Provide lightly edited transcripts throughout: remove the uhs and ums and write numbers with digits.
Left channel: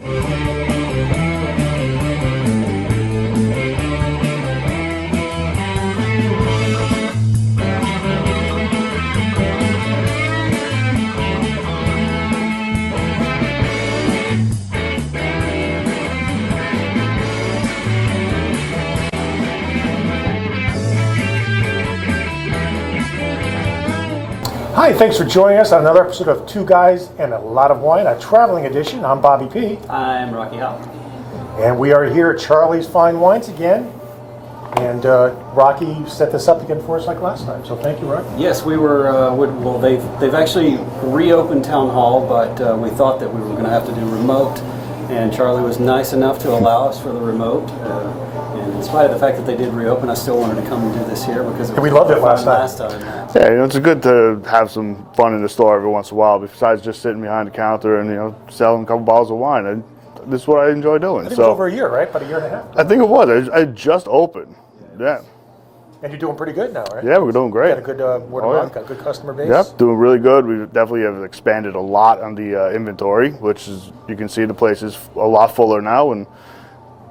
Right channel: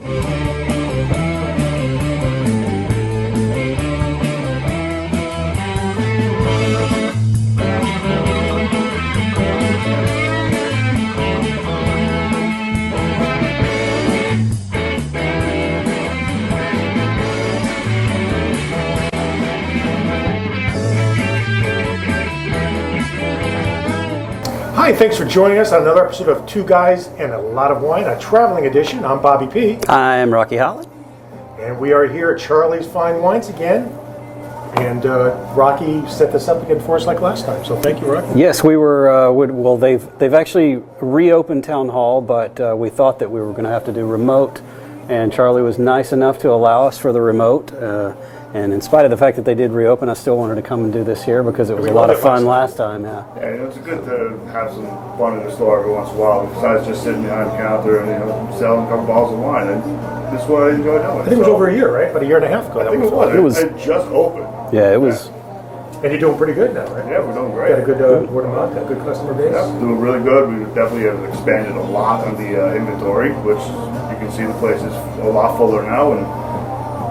Hi, thanks for joining us on another episode of Two Guys and a Lot of Wine, a traveling edition. I'm Bobby P. I'm Rocky Holland. And we are here at Charlie's Fine Wines again. And Rocky set this up again for us like last time, so thank you, Rocky. Yes, we were, well, they've actually reopened Town Hall, but we thought that we were going to have to do remote, and Charlie was nice enough to allow us for the remote. And in spite of the fact that they did reopen, I still wanted to come and do this here because it was a lot of fun last time. Yeah, it's good to have some fun in the store every once in a while, besides just sitting behind the counter and selling a couple bottles of wine. And this is what I enjoy doing. I think it was over a year, right? About a year and a half ago. I think it was. It just opened. Yeah, it was. And you're doing pretty good now, right? Yeah, we're doing great. Got a good word of mouth, got a good customer base. Yeah, doing really good. We definitely have expanded a lot on the inventory, which you can see the place is a lot fuller now, and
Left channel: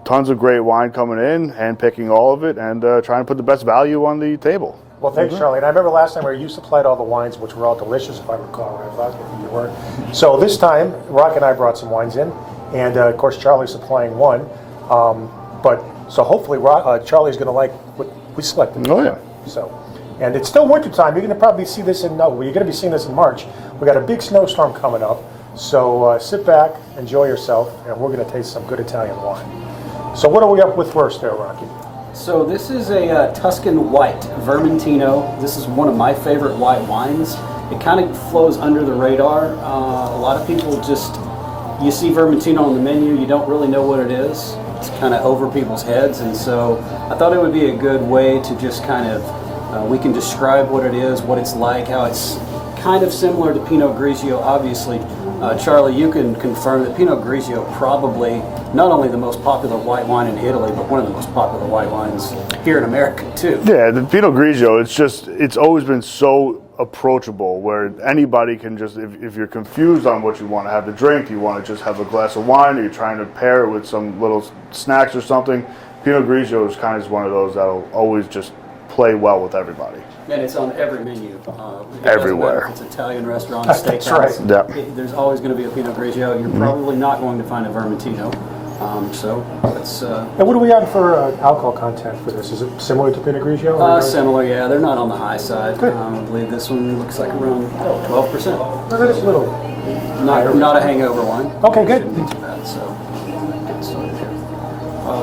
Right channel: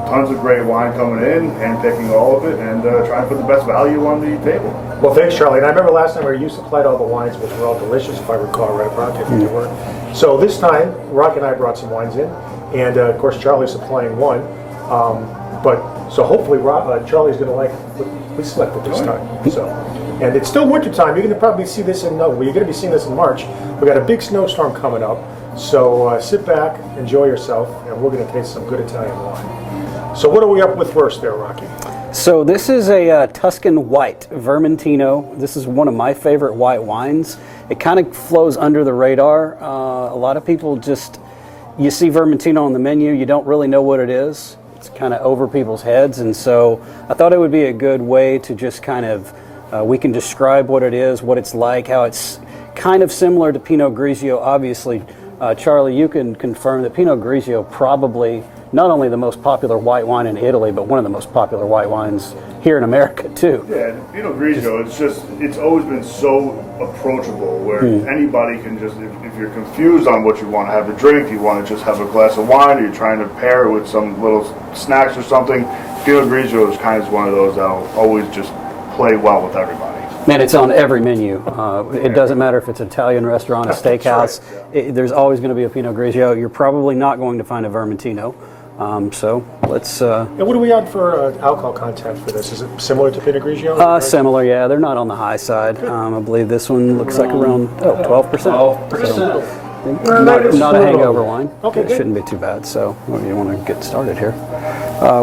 tons of great wine coming in, and picking all of it, and trying to put the best value on the table. Well, thanks, Charlie. And I remember last time where you supplied all the wines, which were all delicious, if I recall, right, Rock? If you weren't. So this time, Rock and I brought some wines in, and of course, Charlie's supplying one. So hopefully, Charlie's going to like what we slept with this time. So, and it's still winter time. You're going to probably see this you're going to be seeing this in March. We got a big snowstorm coming up. So sit back, enjoy yourself, and we're going to taste some good Italian wine. So what are we up with first there, Rocky? So this is a Tuscan white Vermentino. This is one of my favorite white wines. It kind of flows under the radar. A lot of people you see Vermentino on the menu, you don't really know what it is. It's kind of over people's heads, and so I thought it would be a good way to just kind of, we can describe what it is, what it's like, how it's kind of similar to Pinot Grigio, obviously. Charlie, you can confirm that Pinot Grigio probably not only the most popular white wine in Italy, but one of the most popular white wines here in America too. Yeah, the Pinot Grigio, it's always been so approachable where anybody can just, if you're confused on what you want to have to drink, you want to just have a glass of wine, or you're trying to pair it with some little snacks or something, Pinot Grigio is kind of one of those that will always just play well with everybody. Man, it's on every menu. It doesn't matter if it's an Italian restaurant, a steakhouse. Right. There's always going to be a Pinot Grigio. You're probably not going to find a Vermentino. So let's... And what are we on for alcohol content for this? Is it similar to Pinot Grigio? Similar, yeah. They're not on the high side. I believe this one looks like around 12%. 12%. Not a hangover wine. Okay, good. Shouldn't be too bad. So you want to get started here.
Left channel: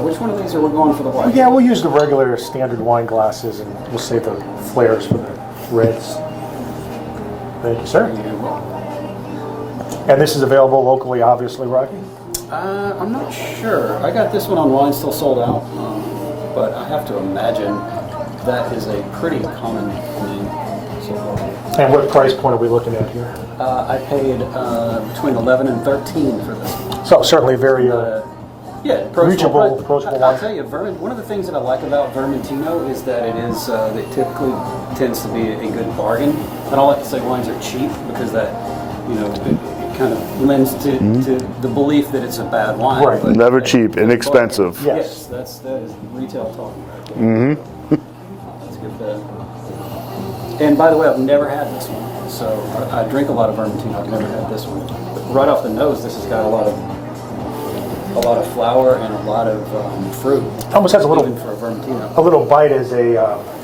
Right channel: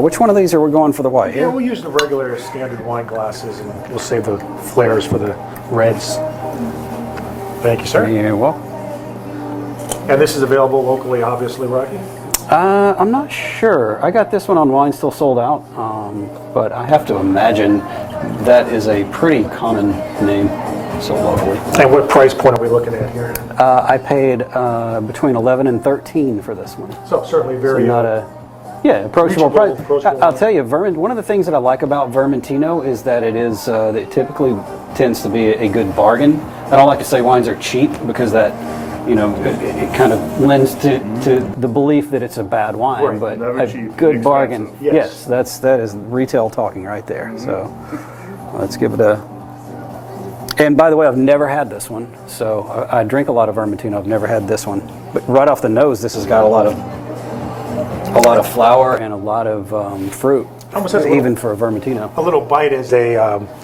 Which one of these are we going for the white? Yeah, we'll use the regular standard wine glasses, and we'll save the flares for the reds. Thank you, sir. You're welcome. And this is available locally, obviously, Rocky? I'm not sure. I got this one on Wine Still Sold Out, but I have to imagine that is a pretty common name sold locally. And what price point are we looking at here? I paid between 11 and 13 for this one. So certainly very approachable. approachable I'll tell you, one of the things that I like about Vermentino is that it typically tends to be a good bargain. I don't like to say wines are cheap because that, it kind of lends to the belief that it's a bad wine. Right. But never cheap, inexpensive. Yes, that is retail talking right there. So let's give it a... And by the way, I've never had this one. So I drink a lot of Vermentino. I've never had this one. But right off the nose, this has got a lot of flour and a lot of fruit. Almost has even for a Vermentino. A little bite as a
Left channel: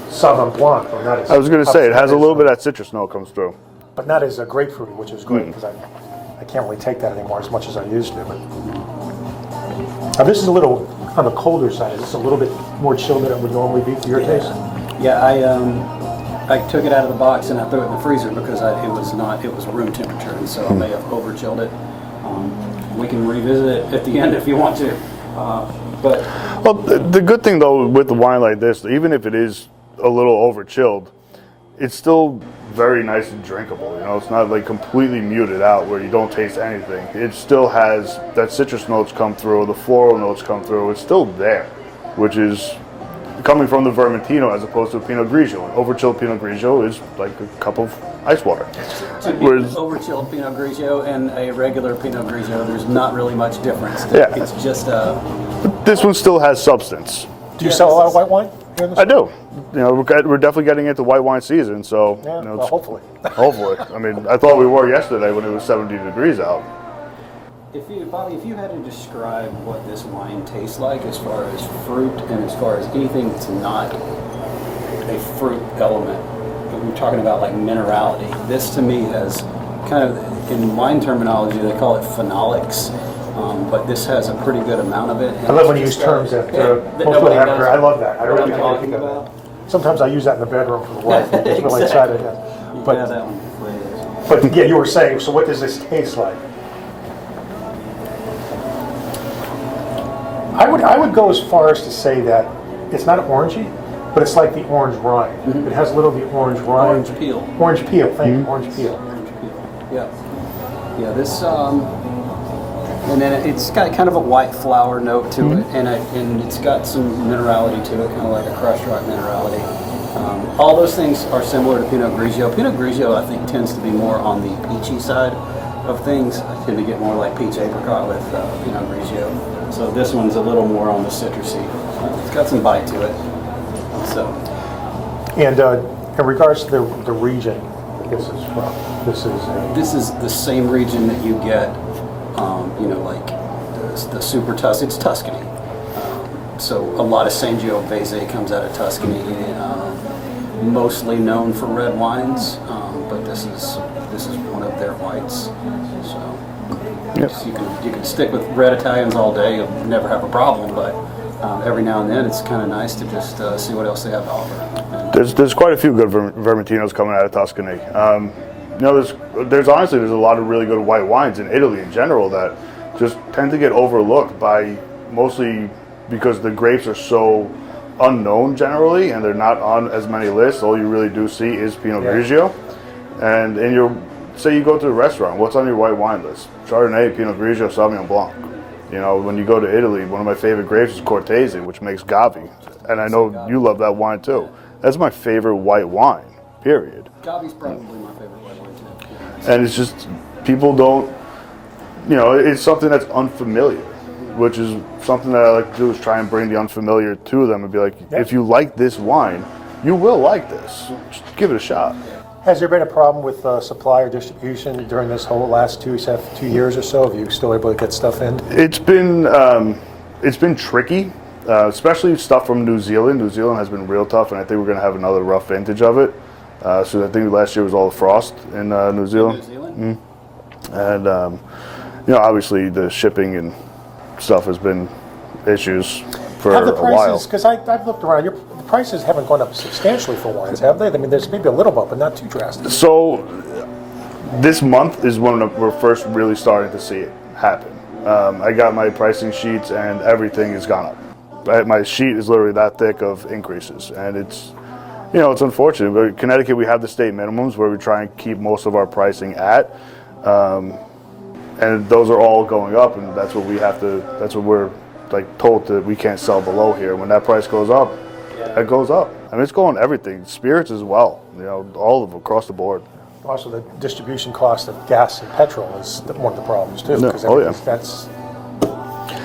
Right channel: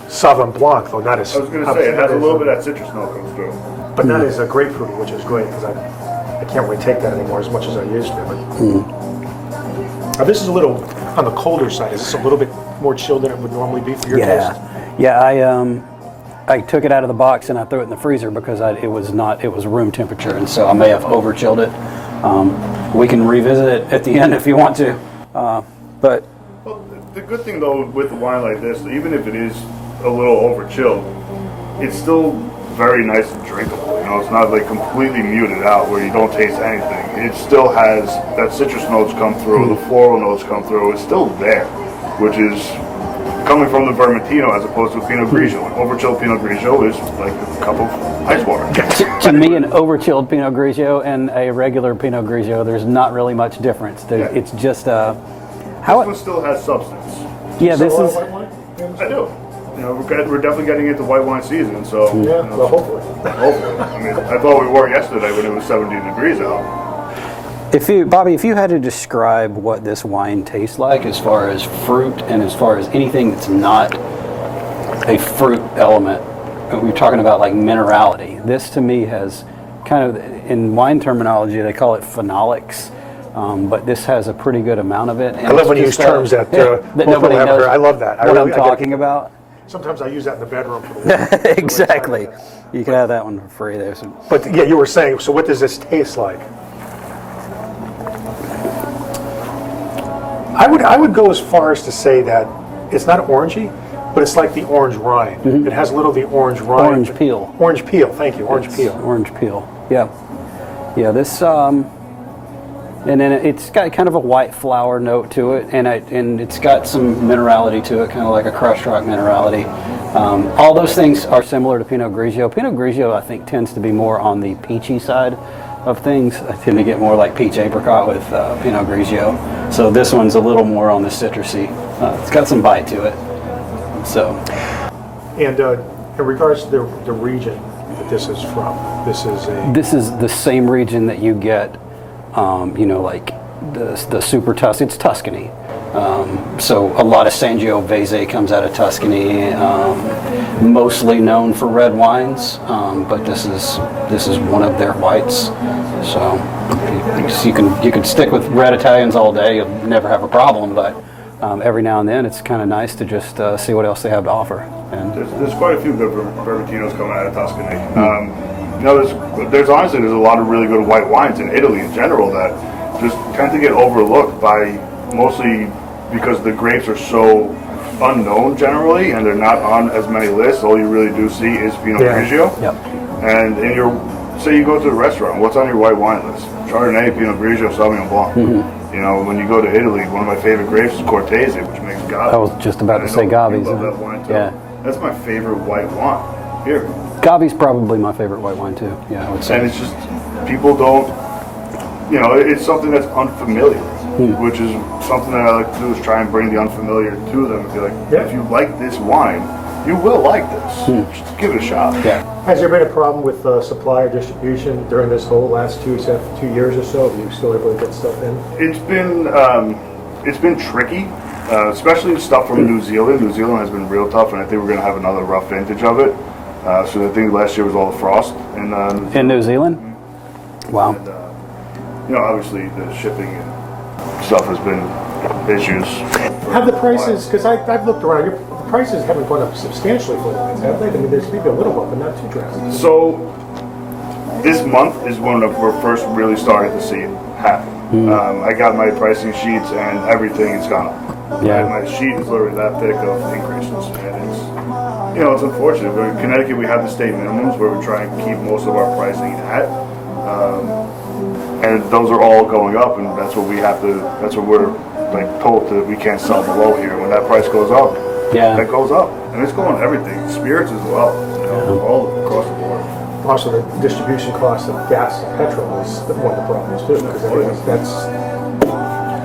Sauvignon Blanc, though not as... I was going to say, it has a little bit of that citrus note comes through. But not as a grapefruity, which is great, because I can't really take that anymore as much as I used to. But. Now this is a little on the colder side. Is this a little bit more chilled than it would normally be for your taste? Yeah, I took it out of the box and I threw it in the freezer because it was room temperature, and so I may have over chilled it. We can revisit it at the end if you want to. But well, the good thing though with the wine like this, even if it is a little over chilled, it's still very nice and drinkable. It's not like completely muted out where you don't taste anything. It still has that citrus notes come through, the floral notes come through. It's still there, which is coming from the Vermentino as opposed to a Pinot Grigio. An overchilled Pinot Grigio is like a cup of ice water. To me, an overchilled Pinot Grigio and a regular Pinot Grigio, there's not really much difference. Yeah. It's just This one still has substance. Do you Yeah, sell a this lot of is- white wine? I do. You know, we're definitely getting into white wine season, so Yeah, you know, well, hopefully. hopefully. I mean, I thought we were yesterday when it was 70 degrees out. Bobby, if you had to describe what this wine tastes like as far as fruit and as far as anything that's not a fruit element, we're talking about like minerality. This to me has kind of, in wine terminology, they call it phenolics. But this has a pretty good amount of it. And I love when you it's use just, terms that that most nobody people haven't knows heard. I love that. what I'm I get talking it. about. Sometimes I use that in the bedroom for the wine. It's really Exactly. exciting. You can have that one free there. So. But yeah, you were saying, so what does this taste like? I would go as far as to say that it's not orangey, but it's like the orange rind. It has a little of the orange rind. Orange peel. Orange peel, thank you, orange peel. Orange peel. Yeah. Yeah, this and then it's got kind of a white flower note to it, and it's got some minerality to it, kind of like a crushed rock minerality. All those things are similar to Pinot Grigio. Pinot Grigio, I think, tends to be more on the peachy side of things. I tend to get more like peach apricot with Pinot Grigio. So this one's a little more on the citrusy. It's got some bite to it. So And in regards to the region that this is from, this is the same region that you get, like the super Tuscan. It's Tuscany. So a lot of Sangiovese comes out of Tuscany, mostly known for red wines, but this is one of their whites. So you can stick with red Italians all day, you'll never have a problem. But every now and then, it's kind of nice to just see what else they have to offer. And There's quite a few good Vermentinos coming out of Tuscany. There's honestly a lot of really good white wines in Italy in general that just tend to get overlooked by mostly because the grapes are so unknown generally, and they're not on as many lists. All you really do see is Pinot Grigio. Yep. And say you go to a restaurant, what's on your white wine list? Chardonnay, Pinot Grigio, Sauvignon Blanc. You know, when you go to Italy, one of my favorite grapes is Cortese, which makes Gavi. I was just about And to I say know Gavi. You love that wine too. Yeah. That's my favorite white wine. Here. Gavi's probably my favorite white wine too. Yeah, I would say. And it's just, people don't, it's something that's unfamiliar, which is something that I like to do, is try and bring the unfamiliar to them and be like, if you like this wine, you will like this. Just give it a shot. Yeah. Has there been a problem with supply or distribution during this whole last 2 years or so? Have you still able to get stuff in? It's been tricky, especially stuff from New Zealand. New Zealand has been real tough, and I think we're going to have another rough vintage of it. So I think last year was all the frost in New Zealand. In New Zealand? Wow. And obviously the shipping and stuff has been issues for Have the a while. prices, because I've looked around, the prices haven't gone up substantially for wines, have they? I mean, there's maybe a little bit, but not too drastic. So this month is when we're first really starting to see it happen. I got my pricing sheets and everything has gone up. Yeah. My sheet is literally that thick of increases, and it's unfortunate. But in Connecticut, we have the state minimums where we try and keep most of our pricing at, and those are all going up, and that's what we're like told that we can't sell below here. When that price goes up, it goes up, and it's going everything, spirits as well, all across the board. Also, the distribution cost of gas and petrol is one of the problems too. Because that's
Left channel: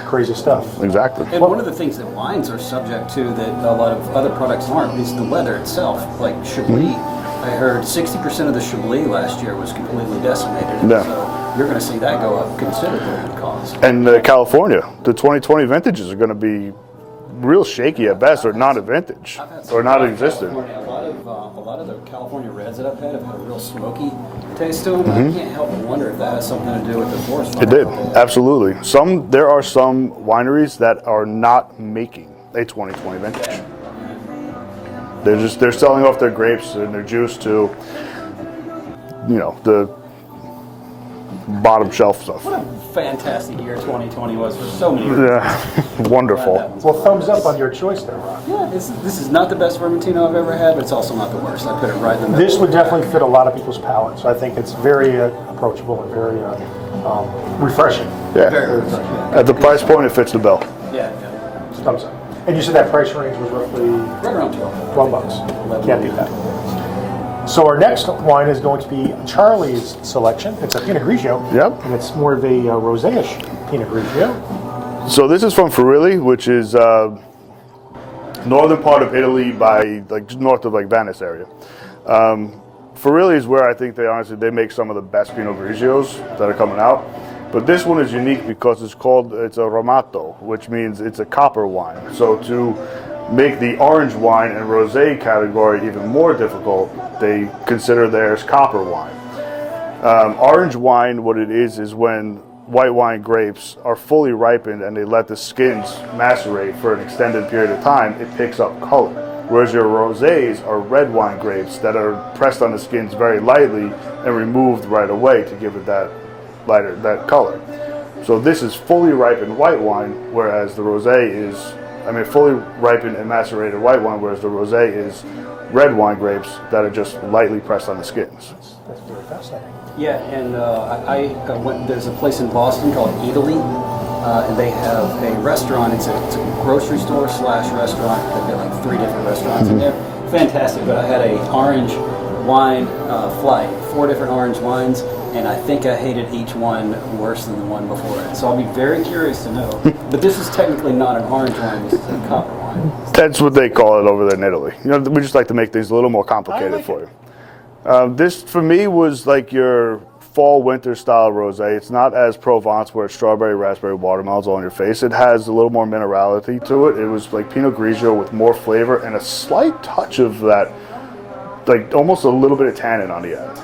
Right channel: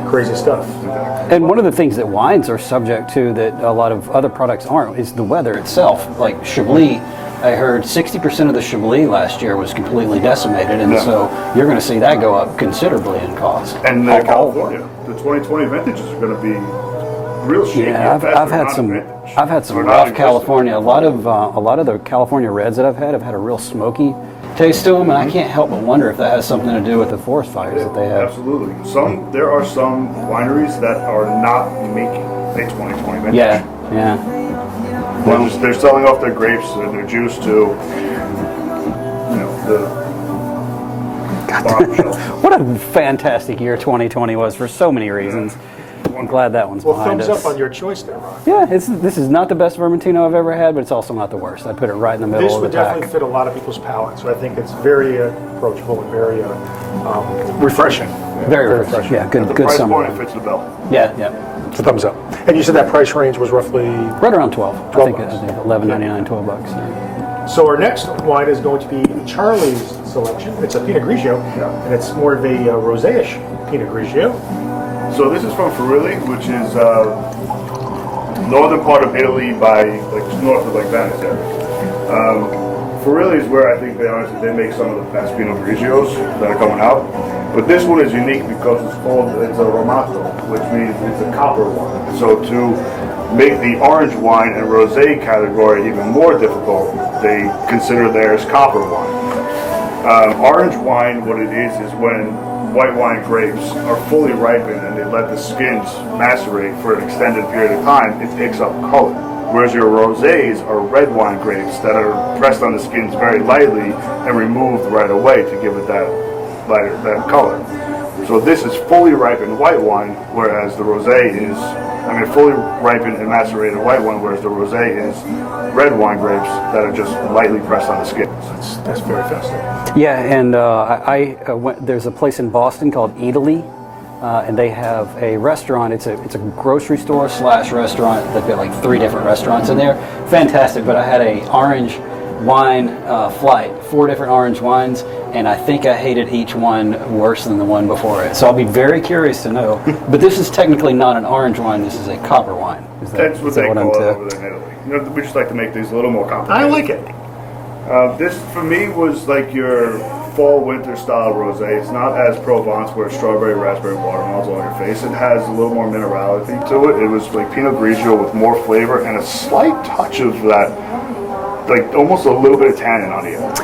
crazy stuff. Exactly. And one of the things that wines are subject to that a lot of other products aren't is the weather itself. Like Chablis, I heard 60% of the Chablis last year was completely decimated, and so you're going to see that go up considerably in cost. And California, the 2020 vintages are going to be real shaky at best, or non-vintage. I've had some rough California. A lot of the California reds that I've had a real smoky taste to them, and I can't help but wonder if that has something to do with the forest fires. It did, that they had. absolutely. There are some wineries that are not making a 2020 vintage. Yeah. They're selling off their grapes and their juice to, the bottom shelf. What a fantastic year 2020 was for so many reasons. Wonderful. Glad that one's Well, behind thumbs us. up on your choice there, Rob. Yeah, this is not the best Vermentino I've ever had, but it's also not the worst. I put it right in the middle. This would of the pack. definitely fit a lot of people's palate, so I think it's very approachable and very refreshing. Yeah. Very refreshing. Yeah, At the good price summer. point, it fits the bill. Yeah. thumbs up. And you said that price range was roughly. Right around 12. 12 I think bucks. it's 11.99, Yeah. 12 bucks. So our next wine is going to be Charlie's selection. It's a Pinot Grigio. Yep. And it's more of a rosé-ish Pinot Grigio. So this is from Friuli, which is northern part of Italy by like north of like Venice area. Friuli is where I think they make some of the best Pinot Grigios that are coming out. But this one is unique because it's a Romato, which means it's a copper wine. So to make the orange wine and rosé category even more difficult, they consider theirs copper wine. Orange wine, what it is when white wine grapes are fully ripened and they let the skins macerate for an extended period of time, it picks up color. Whereas your rosés are red wine grapes that are pressed on the skins very lightly and removed right away to give it that color. So this is fully ripened white wine, whereas the rosé is, fully ripened and macerated white wine, whereas the rosé is red wine grapes that are just lightly pressed on the skins. That's very fascinating. Yeah, and I went. There's a place in Boston called Italy, and they have a restaurant. It's a grocery store / restaurant. They've got like 3 different restaurants in there. Fantastic. But I had a orange wine flight, 4 different orange wines, and I think I hated each one worse than the one before it. So I'll be very curious to know. But this is technically not an orange wine. This is a copper wine. That's what they call it over there in Italy. We just like to make things a little more complicated. I like it. This, for me, was like your fall-winter style rosé. It's not as Provence, where it's strawberry, raspberry, watermelons all in your face. It has a little more minerality to it. It was like Pinot Grigio with more flavor and a slight touch of that, like almost a little bit of tannin on the end.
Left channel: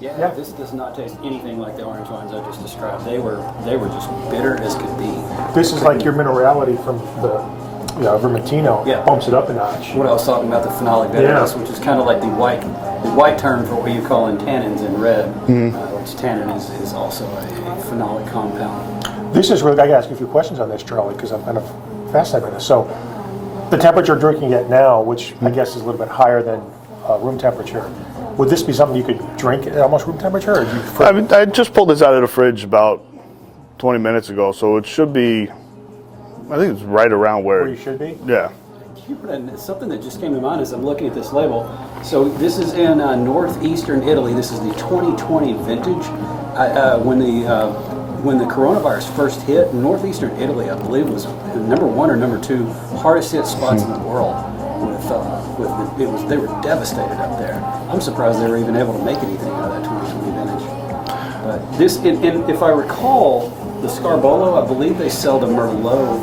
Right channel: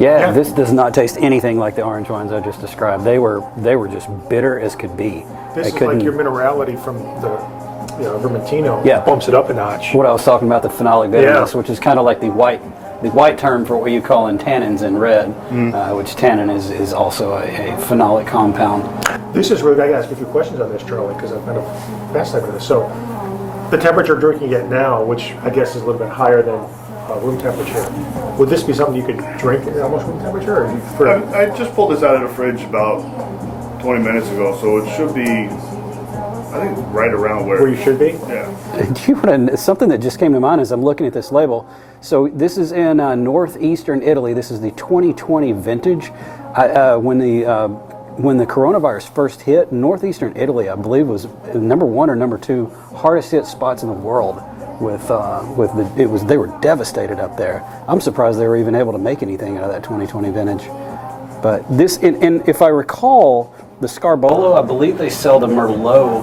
Yeah, this does not taste anything like the orange wines I just described. They were just bitter as could be. This is like your minerality from the Vermentino. Yeah. Bumps it up a notch. What I was talking about, the phenolic bitterness, which is kind of like the white term for what you call in tannins in red, which tannin is also a phenolic compound. This is really, I got to ask you a few questions on this, Charlie, because I'm kind of fascinated with this. So, the temperature you're drinking it now, which I guess is a little bit higher than room temperature, would this be something you could drink at almost room temperature? Or do you prefer? I just pulled this out of the fridge about 20 minutes ago, so it should be, I think it's right around where you should be? Yeah. Something that just came to mind as I'm looking at this label. So this is in northeastern Italy. This is the 2020 vintage. When the coronavirus first hit, northeastern Italy, I believe, was number 1 or number 2 hardest hit spots in the world. They were devastated up there. I'm surprised they were even able to make anything out of that 2020 vintage. But this, and if I recall, the Scarbolo, I believe they sell the Merlot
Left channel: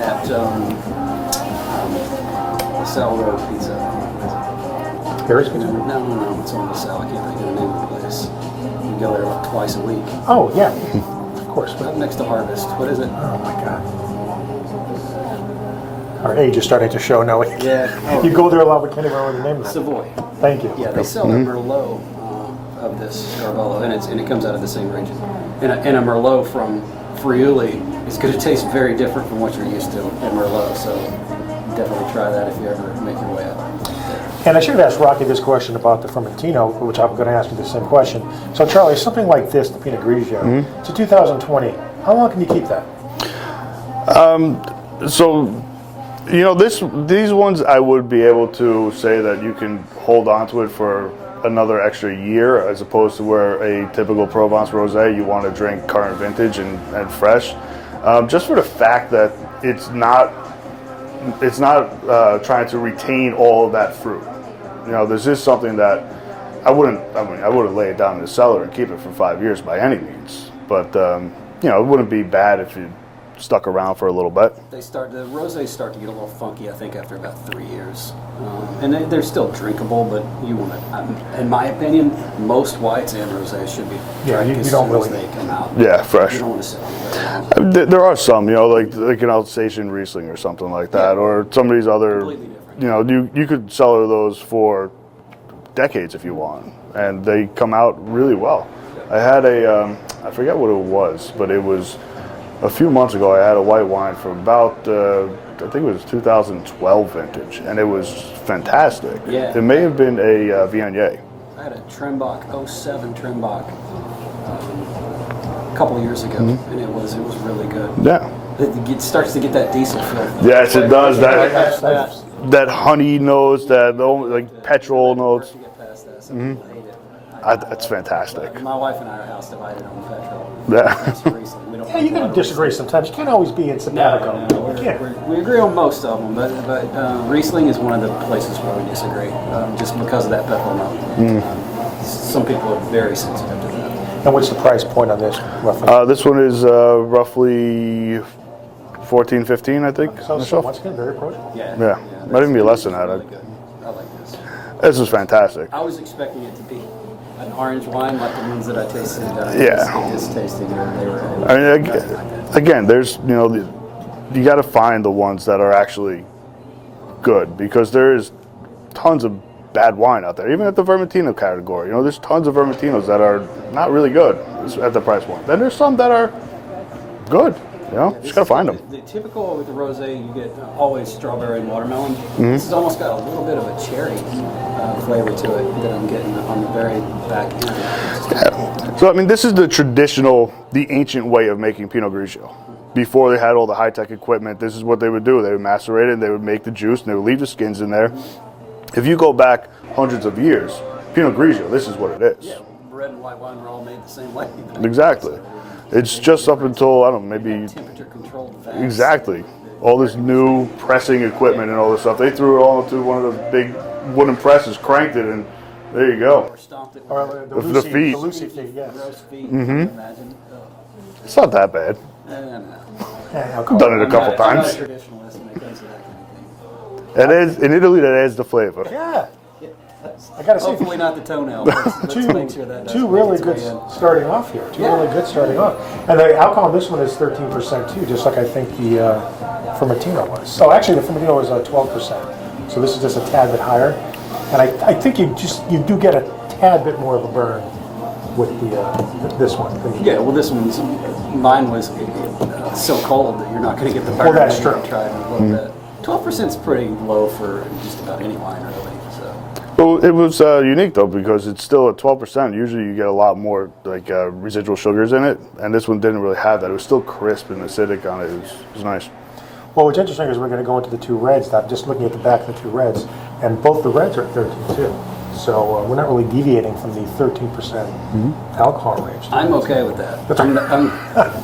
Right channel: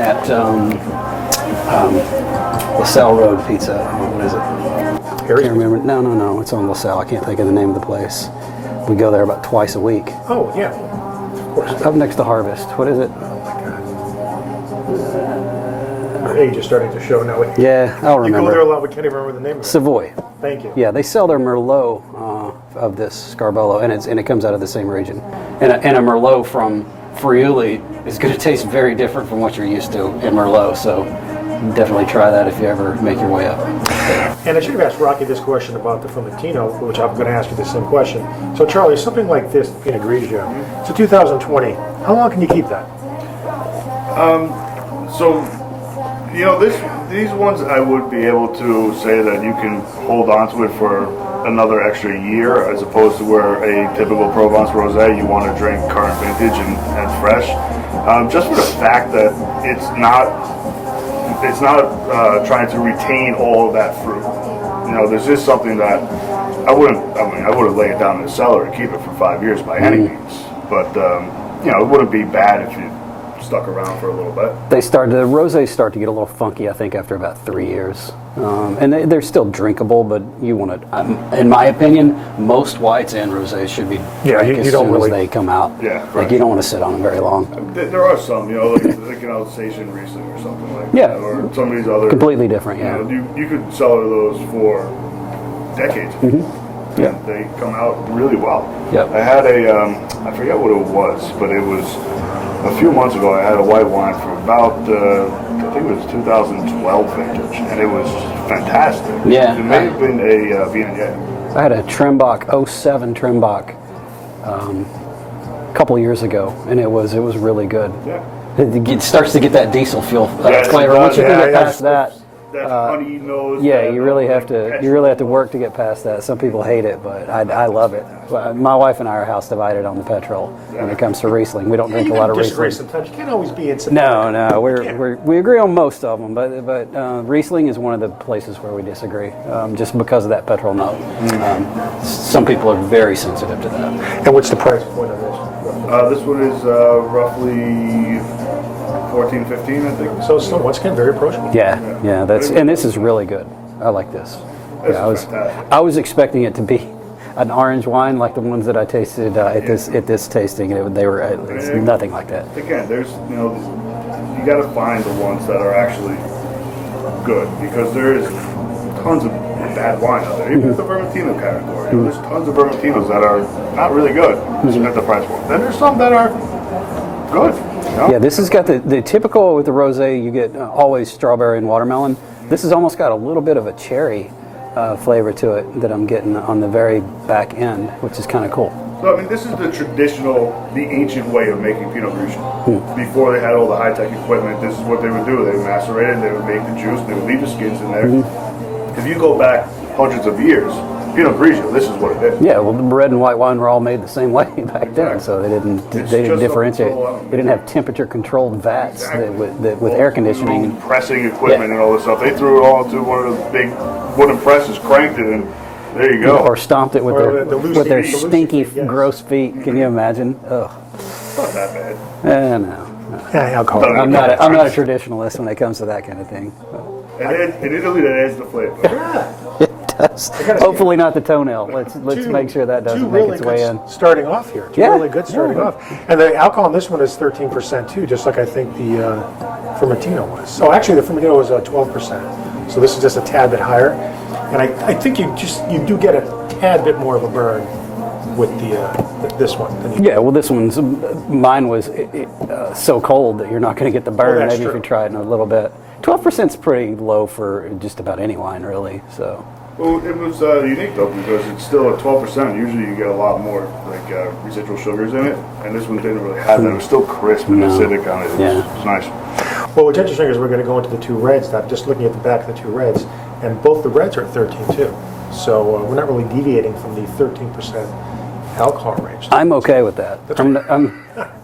at LaSalle Road Pizza. What is it? Harris? I can't remember. No. It's on LaSalle. I can't think of the name of the place. We go there about twice a week. Oh, yeah. Of course. Up next to Harvest. What is it? Oh, my God. Our age is starting to show now. Yeah. You go there a lot, we can't even remember the name of it. Savoy. Thank you. Yeah, they sell their Merlot of this Scarbolo, and it comes out of the same region. And a Merlot from Friuli is going to taste very different from what you're used to in Merlot. So definitely try that if you ever make your way up. And I should have asked Rocky this question about the Vermentino, which I'm going to ask you the same question. So, Charlie, something like this, the Pinot Grigio, it's a 2020. How long can you keep that? So, these ones I would be able to say that you can hold on to it for another extra year, as opposed to where a typical Provence rosé you want to drink current vintage and fresh. Just for the fact that it's not trying to retain all of that fruit. This is something that I wouldn't lay it down in the cellar and keep it for 5 years by any means. But it wouldn't be bad if you stuck around for a little bit. The rosés start to get a little funky, I think, after about 3 years. And they're still drinkable, but you want to, in my opinion, most whites and rosés should be drank as soon as they come out. Yeah, fresh. You don't want to sit on them very long. There are some, like an Alsatian Riesling or something like that, or some of these other completely different. Yeah. You could cellar those for decades if you want, and they come out really well. Yep. I had I forget what it was, but it was a few months ago. I had a white wine for about I think it was 2012 vintage, and it was fantastic. Yeah. It may have been a Viognier. I had a Trimbach 07 Trimbach a couple years ago, and it was really good. Yeah. It starts to get that diesel feel. Yes, it flavor. Once does. you get Yeah, past that, That honey nose. yeah, that you really have like to. You petrol really have to work notes. to get past that. Some people hate it, but I That's love fantastic. it. My wife and I are house divided on the petrol when Yeah. it comes to Riesling. We don't Yeah, drink you a lot can of disagree Riesling. sometimes. You can't always be in simpatico. No, You can't. we agree on most of them, but Riesling is one of the places where we disagree, just because of that petrol note. Some people are very sensitive to that. And what's the price point on this, roughly? This one is roughly 14, 15, I think. So once again, very approachable. Yeah, Yeah. yeah. But it'd be And less this is than that. really good. I like this. This Yeah, is I was- fantastic. I was expecting it to be an orange wine like the ones that I tasted at this tasting. They were nothing like that. Again, there's you got to find the ones that are actually good, because there's tons of bad wine out there. Even at the Vermentino category, there's tons of Vermentinos that are not really good at the price point. Then there's some that are good. Yeah, this has Just got gotta find them. the typical with the rosé. You get always strawberry and watermelon. This has almost got a little bit of a cherry flavor to it that I'm getting on the very back end, which is kind of cool. So I mean, this is the traditional, the ancient way of making Pinot Grigio. Before they had all the high-tech equipment, this is what they would do. They would macerate it, they would make the juice, and they would leave the skins in there. If you go back hundreds of years, Pinot Grigio, this is what it is. Yeah, well, the red and white wine were all made the same way back then, Exactly. so they didn't. It's they just didn't up differentiate. until, I don't know, They didn't have maybe- temperature-controlled vats Exactly. with All air this conditioning. new pressing equipment Yeah. and all this stuff. They threw it all into one of those big wooden presses, cranked it, and there you go. Or stomped it with Or their, the with loose their feet. stinky, Yes. gross feet. Can you imagine? Ugh. It's not that bad. No. Yeah, alcohol. Done it a I'm couple not a times. traditionalist when it comes to that kind of thing. And in Italy, that adds the flavor. Yeah. Does. gotta see- Hopefully not the tonenail. Let's make sure that doesn't Two make really its good way in. starting off here. Two Yeah. really good starting off. And the alcohol in this one is 13% too, just like I think the Vermentino was. So actually the Vermentino was 12%. So this is just a tad bit higher. And I think you do get a tad bit more of a burn with this one. than you Yeah, do. well, mine was so cold that you're not going to get the burn. that's Maybe you true. can try it in a little bit. 12% is pretty low for just about any wine, really. So Well, it was unique though, because it's still at 12%. Usually you get a lot more like residual sugars in it, and this one didn't really have that. It was still crisp and acidic on it. It was nice. Well, what's interesting is we're going to go into the two reds. I'm just looking at the back of the two reds, and both the reds are at 13 too. So we're not really deviating from the 13% alcohol range. I'm okay with that. I'm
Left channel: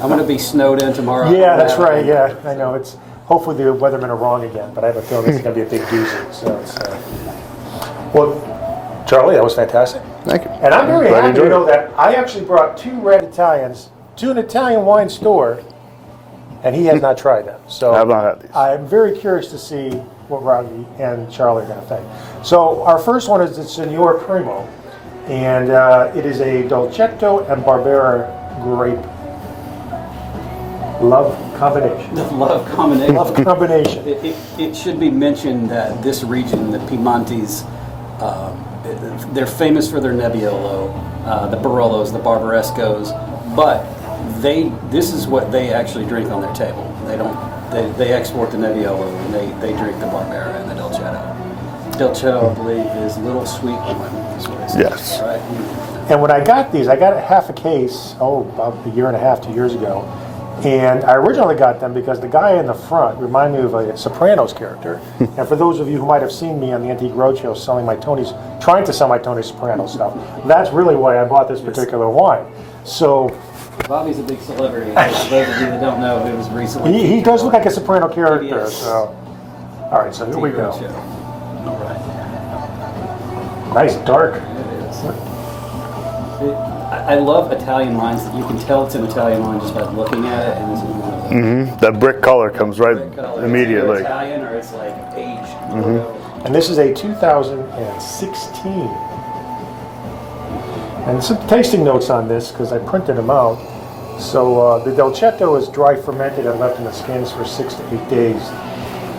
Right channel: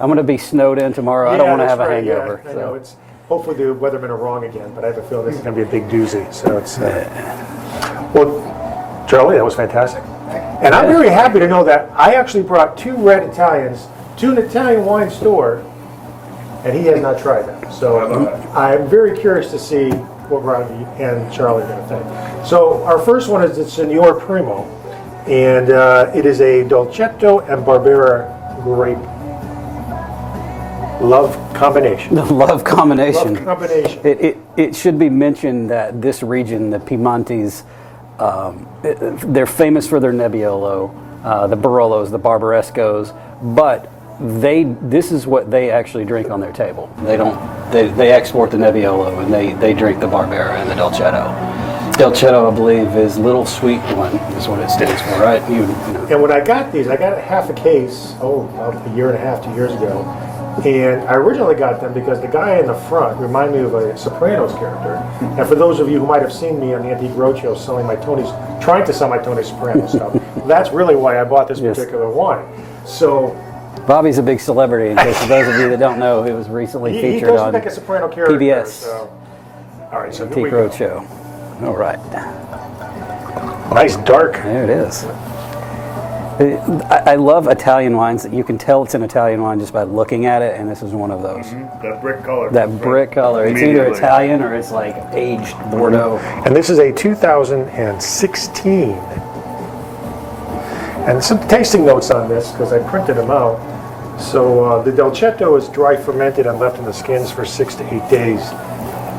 going to be snowed in tomorrow. I don't Yeah, wanna that's have a right. Yeah, hangover, I so. know. It's hopefully the weathermen are wrong again, but I have a feeling it's going to be a big doozy. So it's well, Charlie, that was fantastic. Thank you. And I'm very Glad you happy to enjoyed know it. that I actually brought two red Italians to an Italian wine store, and he has not tried them. So I have not. I'm very curious to see what Rocky and Charlie are going to think. So our first one is the Signor Primo, and it is a Dolcetto and Barbera grape love combination. The love combination. Love combination. It should be mentioned that this region, the Piemontes, they're famous for their Nebbiolo, the Barolos, the Barbarescos, but this is what they actually drink on their table. They export the Nebbiolo and they drink the Barbera and the Dolcetto. Dolcetto, I believe, is little sweet one, is what it stands for, right? You know. And when I got these, I got a half a case, about a year and a half, 2 years ago. And I originally got them because the guy in the front reminded me of a Sopranos character. And for those of you who might have seen me on the Antique Roadshow trying to sell my Tony Soprano stuff, that's really why I bought this particular wine. So Bobby's a big celebrity, in case for those of you that don't know, he was recently he featured does on look like a Soprano character. PBS. So. All right, so here we Antique go. Roadshow. All right. Nice dark. There it is. I love Italian wines that you can tell it's an Italian wine just by looking at it, and this is one of those. That brick color That comes right brick color. It's immediately. either Italian or it's like aged Bordeaux. And this is a 2016. And some tasting notes on this, because I printed them out. So the Dolcetto is dry fermented and left in the skins for 6 to 8 days,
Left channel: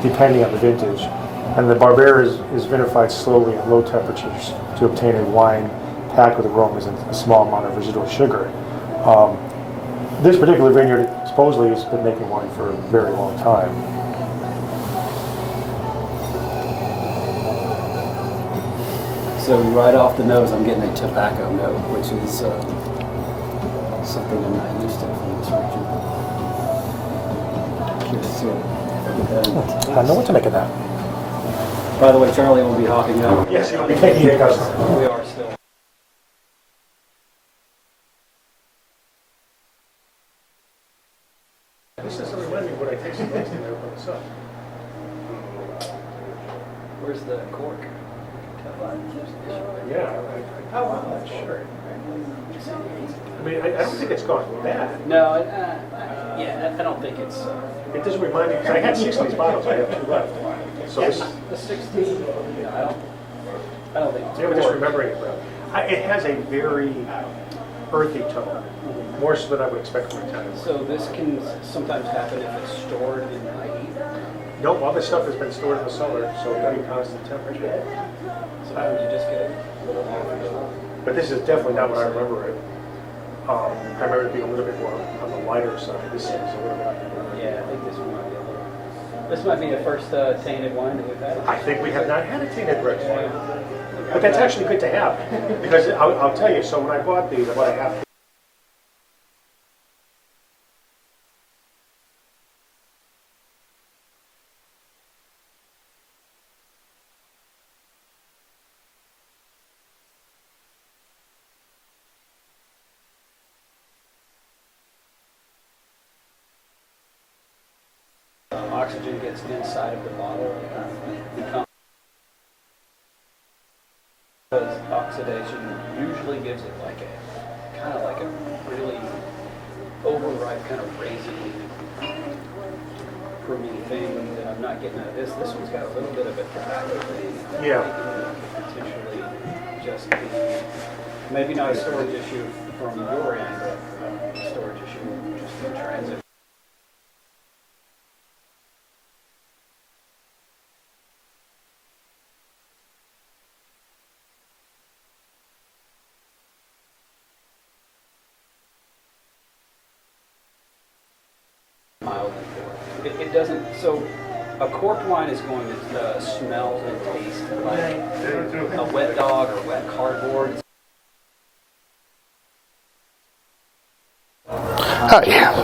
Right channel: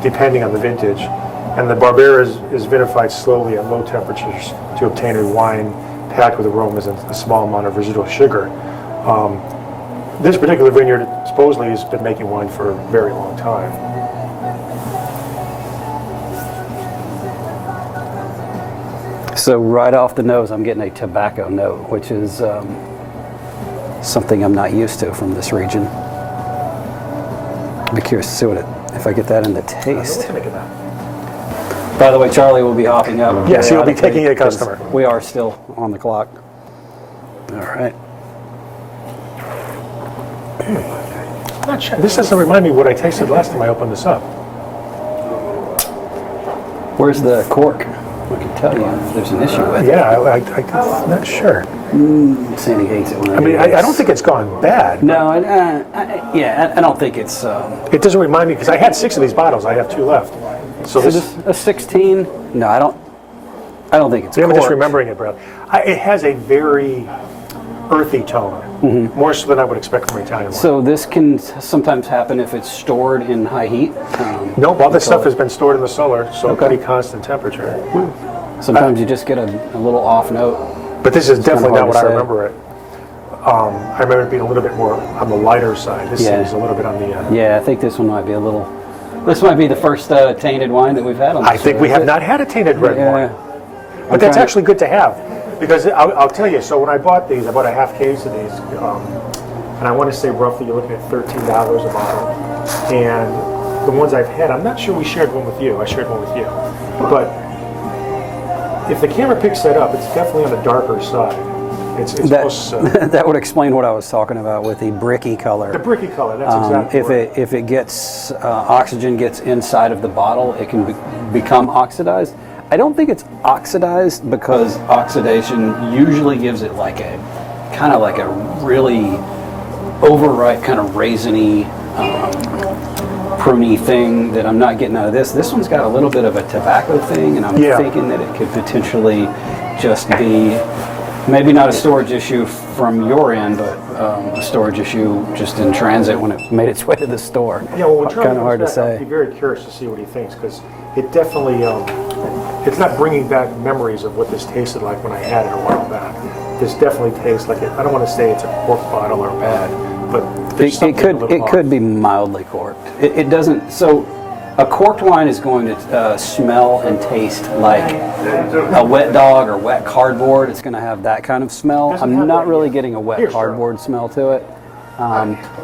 depending on the vintage. And the Barbera is vinified slowly at low temperatures to obtain a wine packed with aromas and a small amount of residual sugar. This particular vineyard supposedly has been making wine for a very long time. So right off the nose, I'm getting a tobacco note, which is something I'm not used to from this region. of curious to see if I get that in the I know what taste. to make of that. By the way, Charlie will be hopping up. Yes, he'll be taking a customer. We are still on the clock. All right. I'm not sure. This doesn't remind me what I tasted last time I opened this up. Where's the cork? I can tell you if there's an issue with it. Yeah, I'm not sure. Sandy hates it when I mean, I don't think it's gone bad. No, I don't think it's. It doesn't remind me, because I had 6 of these bottles. I have 2 left. So Is this, it a 16? No, I don't think it's. I'm just corked. remembering it, bro. It has a very earthy tone, more so than I would expect from Italian wine. So this can sometimes happen if it's stored in high heat. No, all this stuff has been stored in the cellar, so Okay. pretty constant temperature. Sometimes you just get a little off note. But this is definitely hard not to what I say. remember it. I remember it being a little bit more on the lighter side. This Yeah. seems a little bit on the. Yeah, I think this one might be a little. This might be the first tainted wine that we've had on. I think we have not had a tainted red wine, but that's actually good to have, because I'll tell you. So when I bought these, I bought a half case of these, and I want to say roughly you're looking at $13 a bottle. And the ones I've had, I'm not sure we shared one with you. I shared one with you, but if the camera picks that up, it's definitely on the darker side. It's almost, That would explain what I was talking about with the bricky color. the bricky color. That's exactly right. If it gets oxygen gets inside of the bottle, it can become oxidized. I don't think it's oxidized because oxidation usually gives it like a kind of like a really overripe kind of raisiny, pruny thing that I'm not getting out of this. This one's got a little bit of a tobacco thing, and I'm thinking that it could potentially just be maybe not a storage issue from your end, but a storage issue just in transit when it made its way to the store. Yeah, well, when Charlie Kind of hard to comes back, say. I'll be very curious to see what he thinks, because it definitely, it's not bringing back memories of what this tasted like when I had it a while back. This definitely tastes like it. I don't want to say it's a cork bottle or bad, but there's It something a little off. could be mildly corked. It doesn't. So a corked wine is going to smell and taste like a wet dog or wet cardboard. It's going to have that kind of smell. Doesn't I'm have not that really yet. getting a wet Here's cardboard smell to it.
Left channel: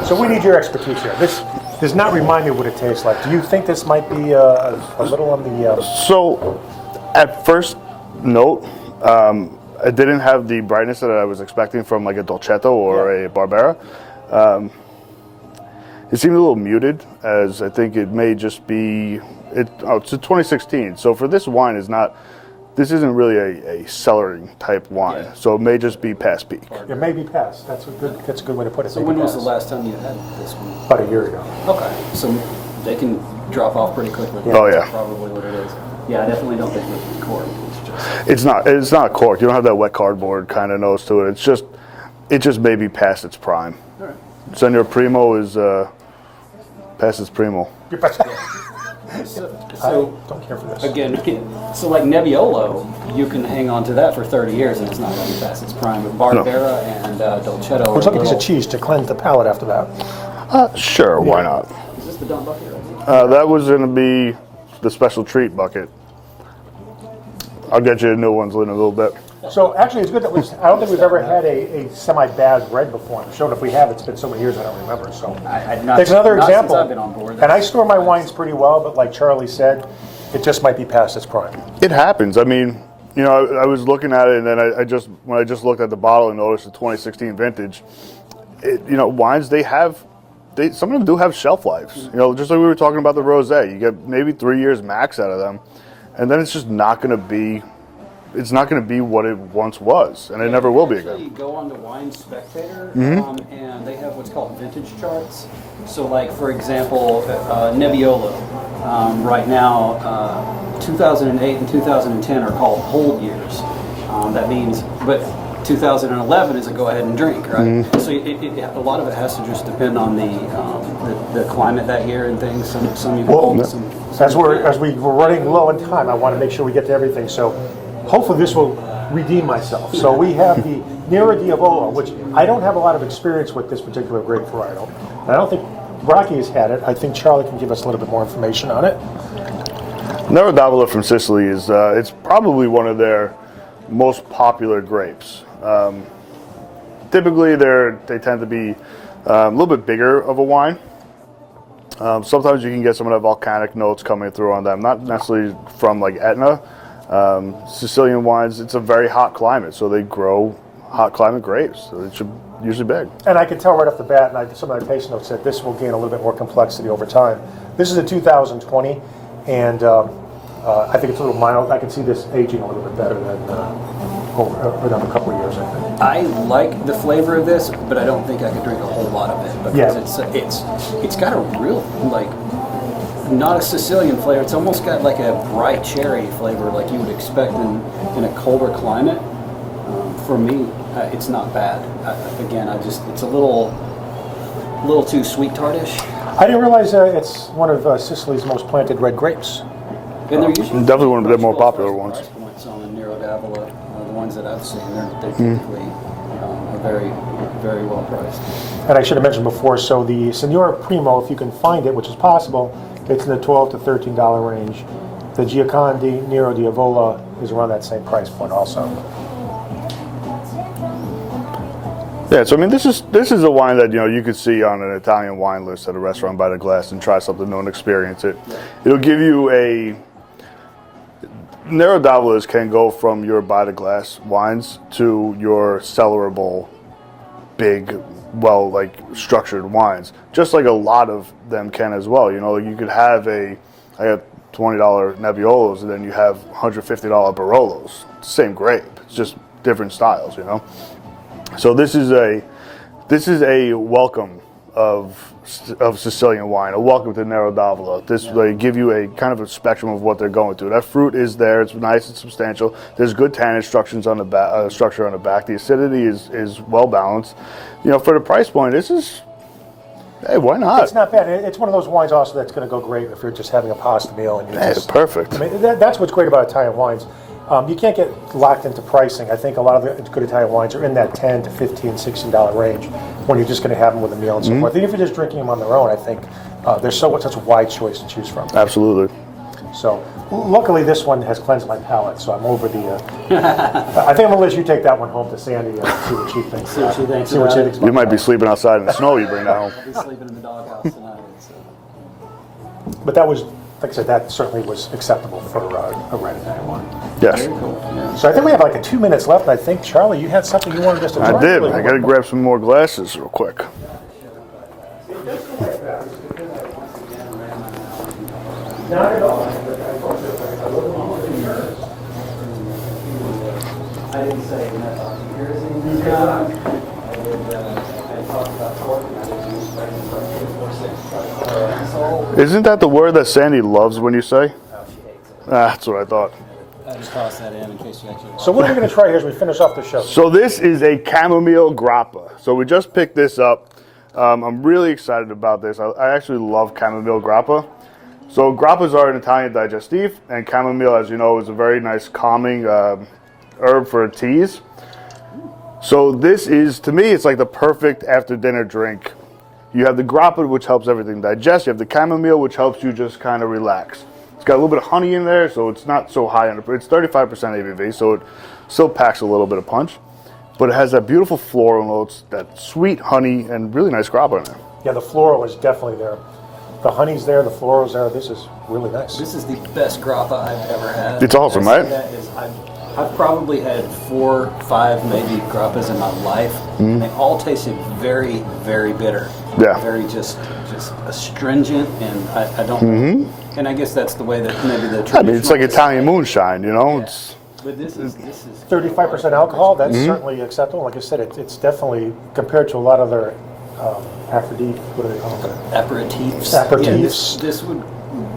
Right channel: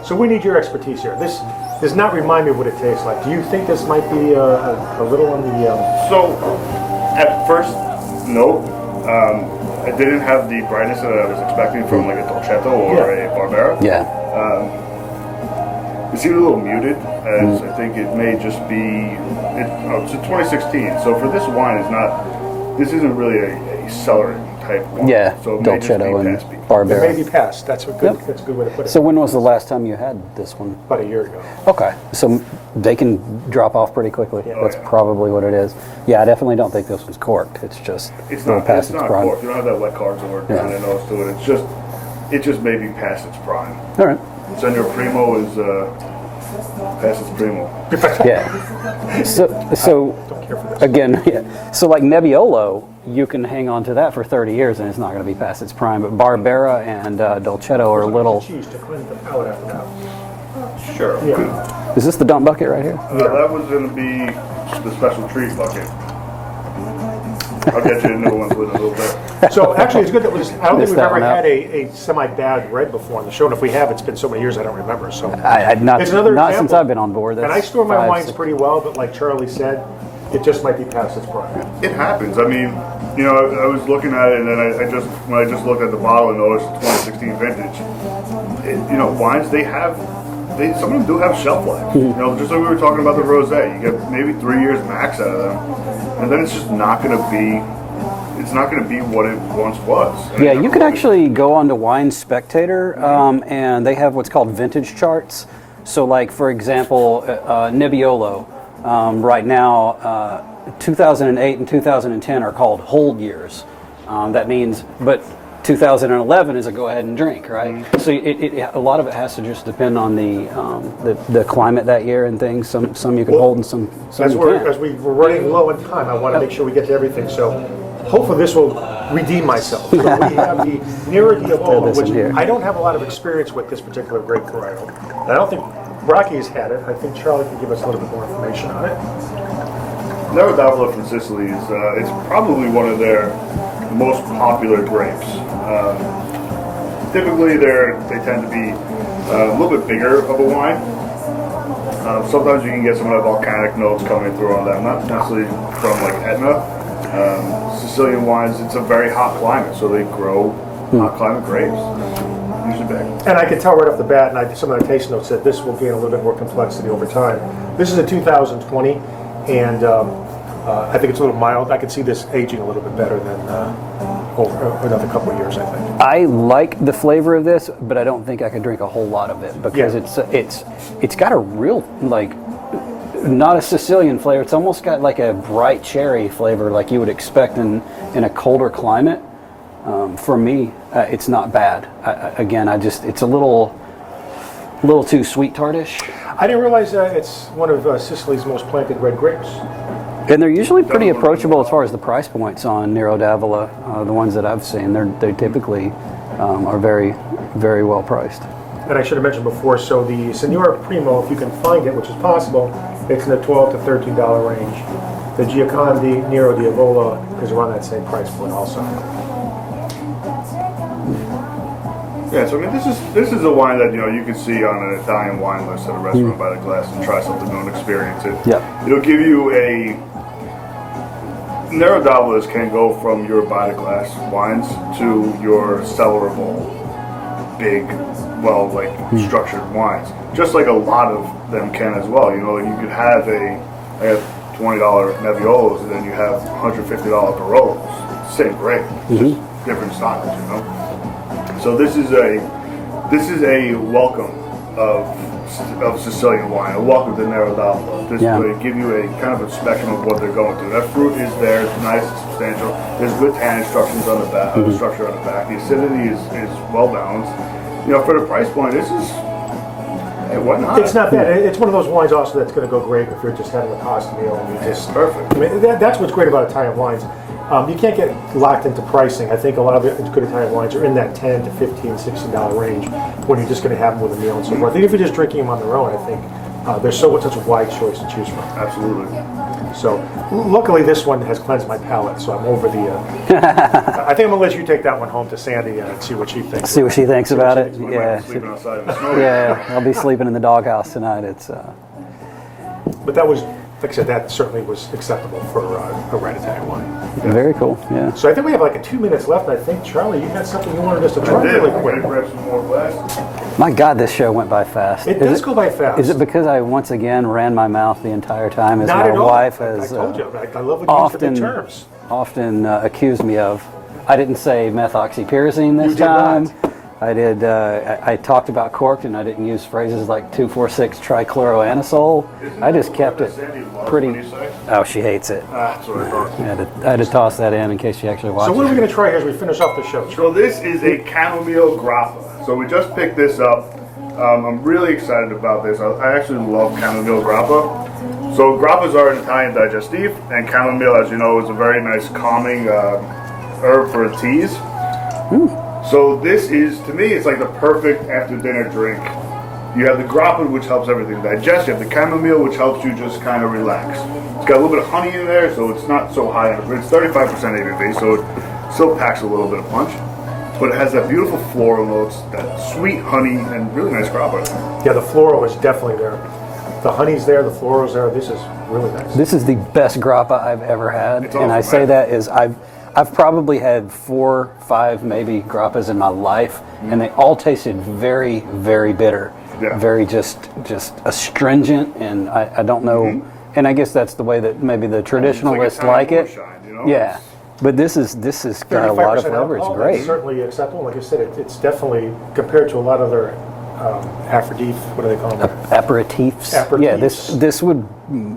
So we need your expertise here. This does not remind me what it tastes like. Do you think this might be a little on the? So, at first note, it didn't have the brightness that I was expecting from like a Dolcetto or a Barbera. Yeah. It seemed a little muted, as I think it may just be. It's a 2016, so for this wine, this isn't really a cellaring type wine. Yeah. So it may just be Dolcetto and past peak. It Barbera. may be past. That's a good. Yep. That's a good way to put it. So when was the Past. last time you had this one? About a year ago. Okay. So they can drop off pretty quickly. Oh, That's yeah. probably what it is. Yeah, I definitely don't think this was corked. It's just. It's not. past It's not prime. corked. You don't have that wet cardboard kind of nose to it. It just may be past its prime. All right. Senor Primo is past its primo. Yeah. So Don't care for this. again, yeah. So like Nebbiolo, you can hang on to that for 30 years and it's not going to be past its prime. But Barbera and Dolcetto are It's a like a piece little. of cheese to cleanse the palate after that. Sure, why not? Is this the dump bucket right here? That was going to be the special treat bucket. I'll get you a new one in a little bit. So actually, it's good that I don't think Missed we've that ever one out. had a semi-bad red before on the show. And if we have, it's been so many years I don't remember. So I'd not. it's another not example. since I've been on board. And I store my That's wines five, pretty well, but like Charlie said, it just might be past its prime. It happens. I mean, I was looking at it, and then when I just looked at the bottle and noticed the 2016 vintage. Wines some of them do have shelf lives. Just like we were talking about the rosé, you get maybe 3 years max out of them, and then it's just not going to be. It's not going to be what it once was. And it Yeah, never you can will be. actually go on to Wine Spectator, and they have what's called vintage charts. So, like for example, Nebbiolo, right now, 2008 and 2010 are called hold years. That means, but 2011 is a go ahead and drink, right? So a lot of it has to just depend on the climate that year and things. Some you can hold, and some As you we're can't. as we're running low on time, I want to make sure we get to everything. So hopefully this will redeem myself. So we have the Nero Diavolo, Listen which here. I don't have a lot of experience with this particular grape varietal. And I don't think Rocky has had it. I think Charlie can give us a little bit more information on it. Nero Diavolo from Sicily is it's probably one of their most popular grapes. Typically, they tend to be a little bit bigger of a wine. Sometimes you can get some of the volcanic notes coming through on them, not necessarily from like Etna. Sicilian wines, it's a very hot climate, so they grow hot climate grapes. It's usually big. And I could tell right off the bat, and some of the taste notes said this will gain a little bit more complexity over time. This is a 2020, and I think it's a little mild. I can see this aging a little bit better than over another couple of years, I think. I like the flavor of this, but I don't think I could drink a whole lot of it because it's got a real like not a Sicilian flavor. It's almost got like a bright cherry flavor, like you would expect in a colder climate. For me, it's not bad. Again, it's a little too sweet tartish. I didn't realize it's one of Sicily's most planted red grapes. And they're usually pretty Definitely one of the more approachable as far as the popular price points on Nero d'Avola. The ones that I've seen, they typically are very, very well priced. And I should have mentioned before, so the Signora Primo, if you can find it, which is possible, it's in the $12 to $13 range. The Gioconda Nero d'Avola is around that same price point also. Yeah, so I mean, this is a wine that you could see on an Italian wine list at a restaurant by the glass and try something new and experience it. Yeah. It'll give you a Nero d'Avolas can go from your by the glass wines to your cellarable, big, structured wines. Just like a lot of them can as well. You could have I have $20 Nebbiolos, and then you have $150 Barolos. It's the same grape, it's just different styles. So this is a welcome of Sicilian wine, a welcome to Nero d'Avola. This way give you a kind of a spectrum of what they're going through. That fruit is there, it's nice, it's substantial. There's good tannin structures on the back, structure on the back. The acidity is well balanced. For the price point, this is, hey, why not? It's not bad. It's one of those wines also that's going to go great if you're just having a pasta meal. It's perfect. I mean, that's what's great about Italian wines. You can't get locked into pricing. I think a lot of the good Italian wines are in that $10 to $15, $16 range when you're just going to have them with a meal and so forth. I think if you're just drinking them on their own, I think there's such a wide choice to choose from. Absolutely. So, luckily this one has cleansed my palate, so I'm over the... I think I'm going to let you take that one home to Sandy and see what she thinks. See what she thinks about it. You might be sleeping outside in the snow. I'll be sleeping in the doghouse tonight. But that was, like I said, that certainly was acceptable for a red Italian wine. Yes. Very cool. Yeah. So I think we have like 2 minutes left. I think, Charlie, you had something you wanted us to try. I did. Really I got to grab some more glasses real quick. My God, this show went by fast. It does go by fast. Is it because I once again ran my mouth the entire time, as Not my at all. wife has often accused me of? I didn't say methoxypyrazine this time. I did. I talked about cork, and I didn't use phrases like 2,4,6 trichloroanisole. Isn't that the word that Sandy loves when you say? Oh, she hates it. That's what I thought. I had to toss that in case she actually watched. So what are we going to try here as we finish off the show? So this is a chamomile grappa. So we just picked this up. I'm really excited about this. I actually love chamomile grappa. So grappas are an Italian digestif, and chamomile, as you know, is a very nice calming herb for teas. So this is, to me, it's like the perfect after dinner drink. You have the grappa, which helps everything digest. You have the chamomile, which helps you just kind of relax. It's got a little bit of honey in there, so it's not so high on it, but it's 35% ABV, so it still packs a little bit of punch. But it has that beautiful floral notes, that sweet honey, and really nice grappa in there. Yeah, the floral is definitely there. The honey's there, the floral's there. This is really nice. This is the best grappa I've ever had. It's awesome, and I say right? that is I've probably had 4, 5, maybe grappas in my life, and they all tasted very, very bitter. Yeah. Very just astringent, and I don't know. And I guess that's the way that maybe the traditionalists It's like Italian like moonshine, you know? Yeah. But this is got a 35% lot of flavor. alcohol, It's great. that's certainly acceptable. Like I said, it's definitely, compared to a lot of their aperitif, what do they call them? Aperitifs. Aperitifs. Yeah,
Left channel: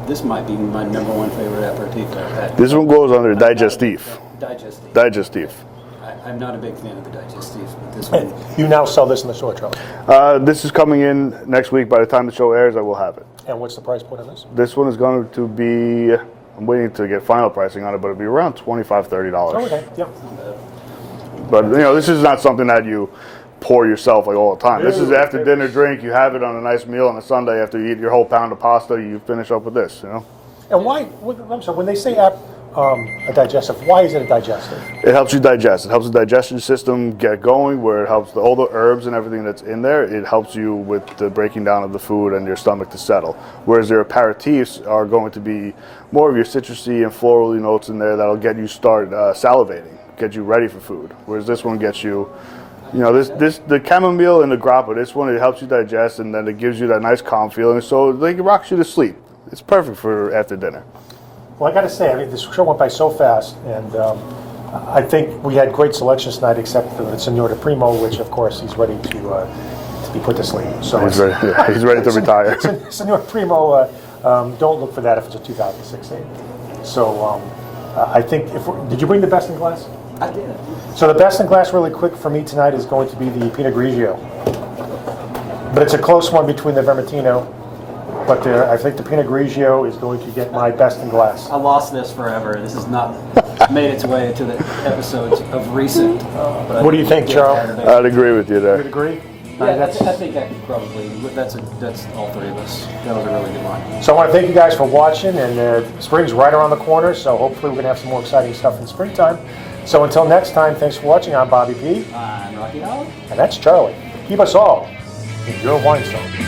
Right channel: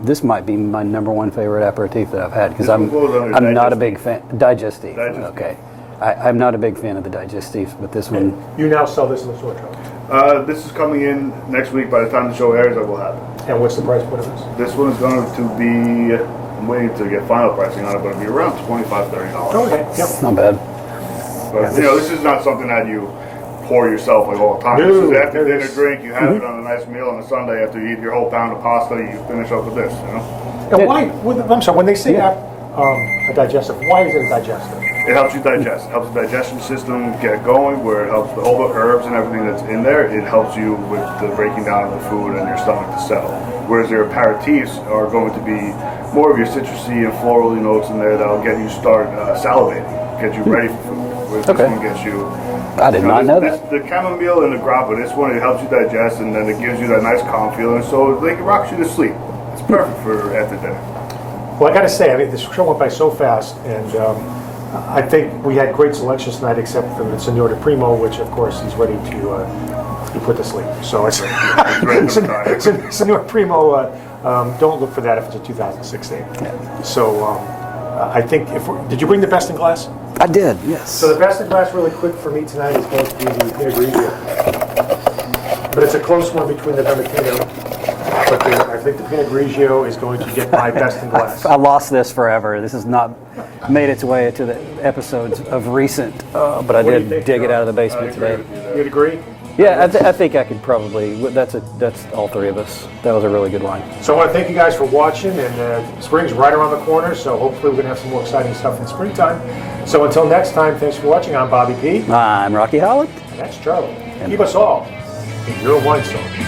this might be my #1 favorite aperitif that I've had. 'cause This one goes under I'm not a big digestif. fan. Digestif. Digestif. Okay. I'm not a big fan of the digestif, but this one. You now sell this in the store, Charlie. This is coming in next week. By the time the show airs, I will have it. And what's the price point of this? This one is going to be, I'm waiting to get final pricing on it, but it'll be around $25, $30. Okay, yep. Not bad. But this is not something that you pour yourself like all the time. This is after dinner drink. You have it on a nice meal on a Sunday after you eat your whole pound of pasta. You finish up with this. And why, I'm sorry, when they say a digestive, why is it a digestive? It helps you digest. It helps the digestion system get going, where it helps all the herbs and everything that's in there. It helps you with the breaking down of the food and your stomach to settle. whereas their aperitifs are going to be more of your citrusy and floral notes in there that'll get you start salivating, get you ready for food. Whereas this one gets you. I did not know this, that. the chamomile and the grappa, this one, it helps you digest, and then it gives you that nice calm feeling, so like it rocks you to sleep. It's perfect for after dinner. Well, I got to say, I mean, this show went by so fast, and I think we had great selections tonight, except for the Signor Primo, which, of course, he's ready to be put to sleep. So He's ready to retire. Signor Primo, don't look for that if it's a 2016. Yeah. So I think, did you bring the best in glass? I did, yes. So the best in glass, really quick for me tonight, is going to be the Pinot Grigio. But it's a close one between the Vermentino. But I think the Pinot Grigio is going to get my best in glass. I lost this forever. This has not made its way to the episodes of recent. But I What do did you think, dig it Charles? out of the basement. I'd agree with you You there. would agree? Yeah, I think I could probably. That's all three of us. That was a really good line. So I want to thank you guys for watching, and spring's right around the corner, so hopefully we're going to have some more exciting stuff in springtime. So until next time, thanks for watching. I'm Bobby P. I'm Rocky Holland. And that's Charlie. Keep us all in your wine zone.